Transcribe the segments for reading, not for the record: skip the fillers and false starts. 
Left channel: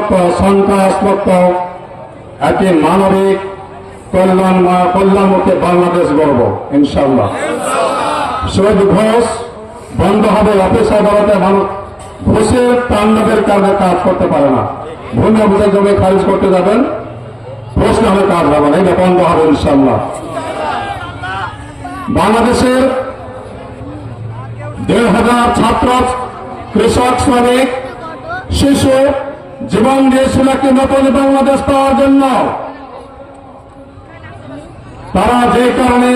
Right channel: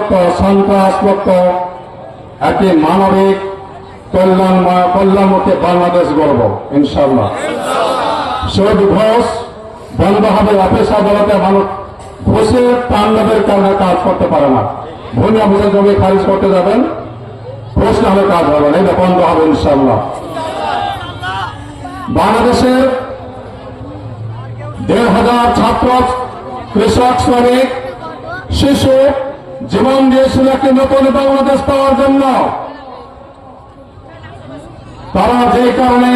মুক্ত, সন্ত্রাস মুক্ত একটি মানবিক কল্যাণমুখী বাংলাদেশ গড়ব ইনশাআল্লাহ। সুদ ঘোষ বন্ধ হবে। অফিস আদালতে মানুষ ঘুষের তাণ্ডবের কারণে কাজ করতে পারে না। ভূমি বুঝে জমি খারিজ করতে যাবেন, প্রশ্ন হলে কাজ হবে না, এটা বন্ধ হবে ইনশাআল্লাহ। বাংলাদেশের 1,500 ছাত্র, কৃষক, শ্রমিক, শিশু জীবন দিয়েছিল একটি নতুন বাংলাদেশ পাওয়ার জন্য। তারা যে কারণে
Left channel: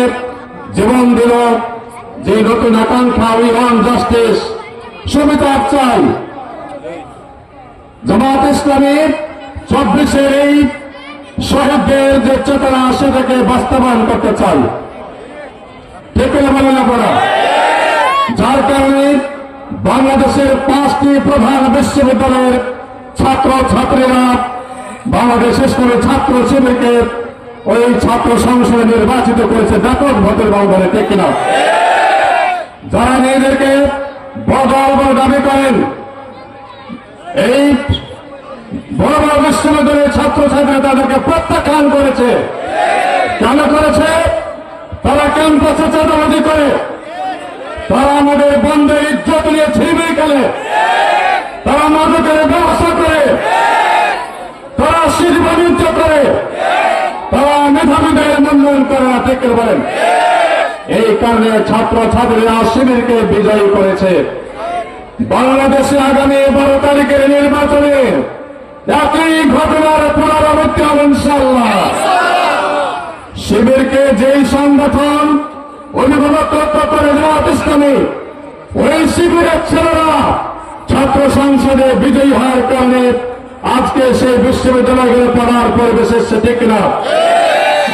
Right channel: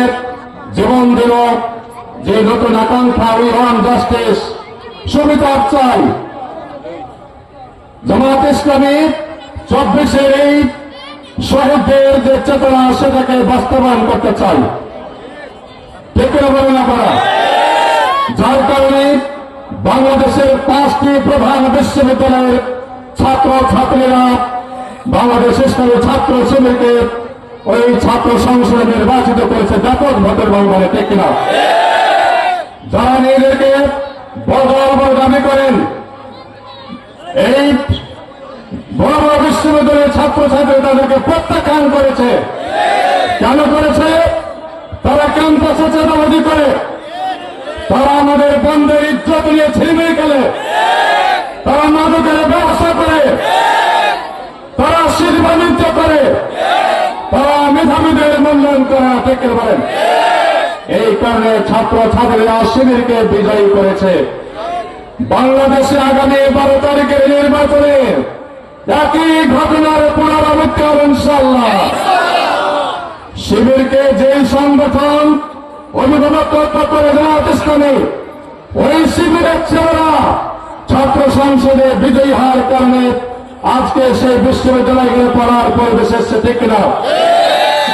জীবন দিল, যে নতুন আকাঙ্ক্ষা, উই ওয়ান্ট জাস্টিস, সুবিচার চাই। জামাত ইসলামী 24-এর এই শহীদদের যে চেতনা সেটাকে বাস্তবায়ন করতে চাই, ঠিক করে বলেন আপনারা। যার কারণে বাংলাদেশের 5টি প্রধান বিশ্ববিদ্যালয়ের ছাত্র ছাত্রীরা বাংলাদেশ ইসলামী ছাত্র শিবিরকে ওই ছাত্র সংসদে নির্বাচিত করেছে ব্যাপক ভোটের ব্যবধানে, ঠিক কিনা? যারা নিজেদেরকে বড় দাবি করেন, এই বড় বড় বিশ্ববিদ্যালয়ের ছাত্রছাত্রী তাদেরকে প্রত্যাখ্যান করেছে। কেন করেছে? তারা ক্যাম্পাসে চাঁদাবাজি করে, তারা আমাদের বন্ধের ইজ্জত নিয়ে ছিনিয়ে গেলে, তারা মাদকের ব্যবসা করে, তারা শিল্প বাণিজ্য করে, তারা মেধাবীদের মূল্যায়ন করে না, ঠিক বলেন। এই কারণে ছাত্র ছাত্রীরা শিবিরকে বিজয়ী করেছে। বাংলাদেশে আগামী 12 তারিখের নির্বাচনে একই ঘটনার পুনরাবৃত্তি হবে ইনশাআল্লাহ। শিবিরকে যেই সংগঠন অভিভাবকত্ব করে জামাত ইসলামী, ওই শিবিরের ছেলেরা ছাত্র সংসদে বিজয়ী হওয়ার কারণে আজকে সেই বিশ্ববিদ্যালয়গুলো পড়ার পরিবেশ এসছে, ঠিক না?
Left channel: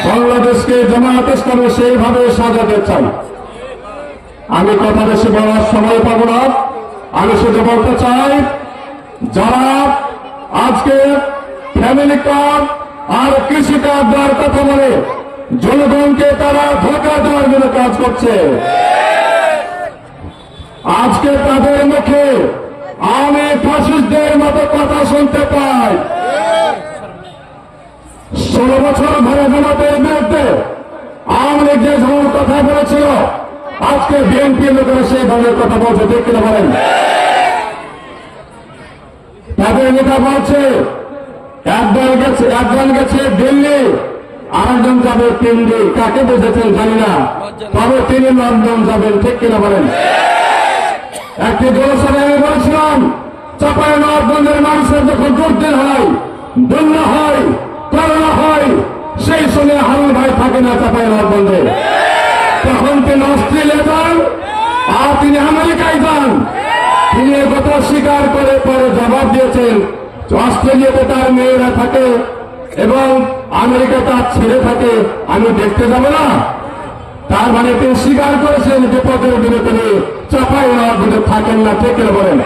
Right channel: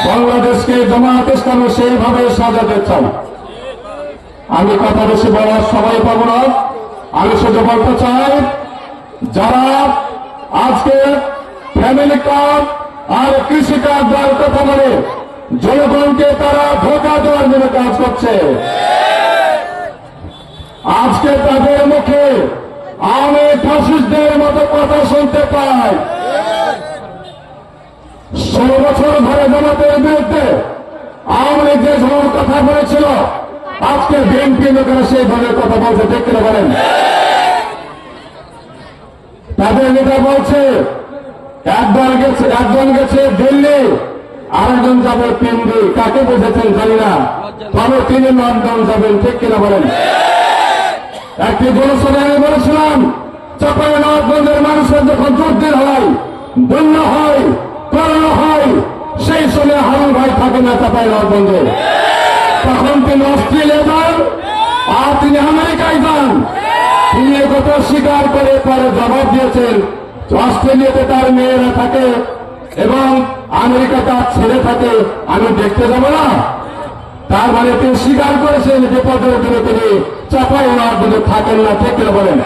বাংলাদেশকে জামাত ইসলামী সেইভাবে সাজাতে চান। আমি কথা বেশি বলার সময় পাবো না। আমি শুধু বলতে চাই, যারা আজকে ফ্যামিলি কার্ড আর কৃষি কার্ড দেওয়ার কথা বলে জনগণকে তারা ধোঁকা দেওয়ার জন্য কাজ করছে, আজকে তাদের মুখে আওয়ামী ফ্যাসিস্টদের মতো কথা শুনতে পাই। 16 বছর ধরে জামাতের বিরুদ্ধে আওয়ামী লীগ যে ধরনের কথা বলেছিল, আজকে বিএনপি লোকেরা সেই ধরনের কথা বলছে, দেখতে পারেন। তাদের নেতা বলছে একজন গেছে দিল্লি, আরেকজন যাবে দিল্লি, কাকে বুঝেছেন জানি না, তবে তিনি লন্ডন যাবেন, ঠিক কিনা বলেন। একটি জনসভায় আমি বলেছিলাম, চাঁপাইনবাবগঞ্জের মানুষের যখন দুর্দিন হয়, বন্যা হয়, করোনা হয়, সেই সময় হারুন ভাই থাকে না চাঁপাইনবাবগঞ্জে, তখন তিনি অস্ট্রেলিয়া যান আর তিনি আমেরিকায় যান। তিনি একথা স্বীকার করে পরে জবাব দিয়েছেন, অস্ট্রেলিয়াতে তার মেয়েরা থাকে এবং আমেরিকা তার ছেলে থাকে, আমি দেখতে যাব না। তার মানে তিনি স্বীকার করেছেন বিপদের দিনে তিনি চাঁপাইনবাবগঞ্জে থাকেন না, ঠিক করে বলেন।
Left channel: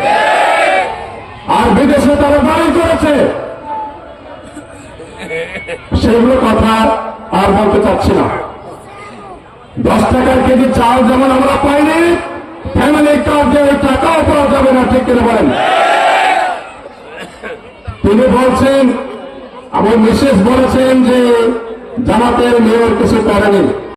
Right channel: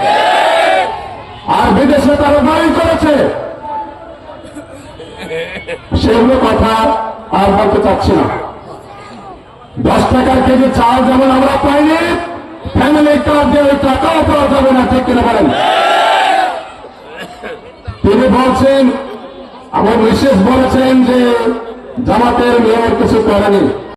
আর বিদেশে তারা বাড়ি করেছে, সেগুলো কথা আর বলতে চাচ্ছি না। 10 টাকার কেজি চাল যেমন আমরা পাইনি, ফ্যামিলি কার্ড দিয়ে ওই টাকাও পাওয়া যাবে না, ঠিক করে বলেন। তিনি বলছেন, আমার মিসেস বলেছেন যে জামাতের মেয়র কিছু করেনি।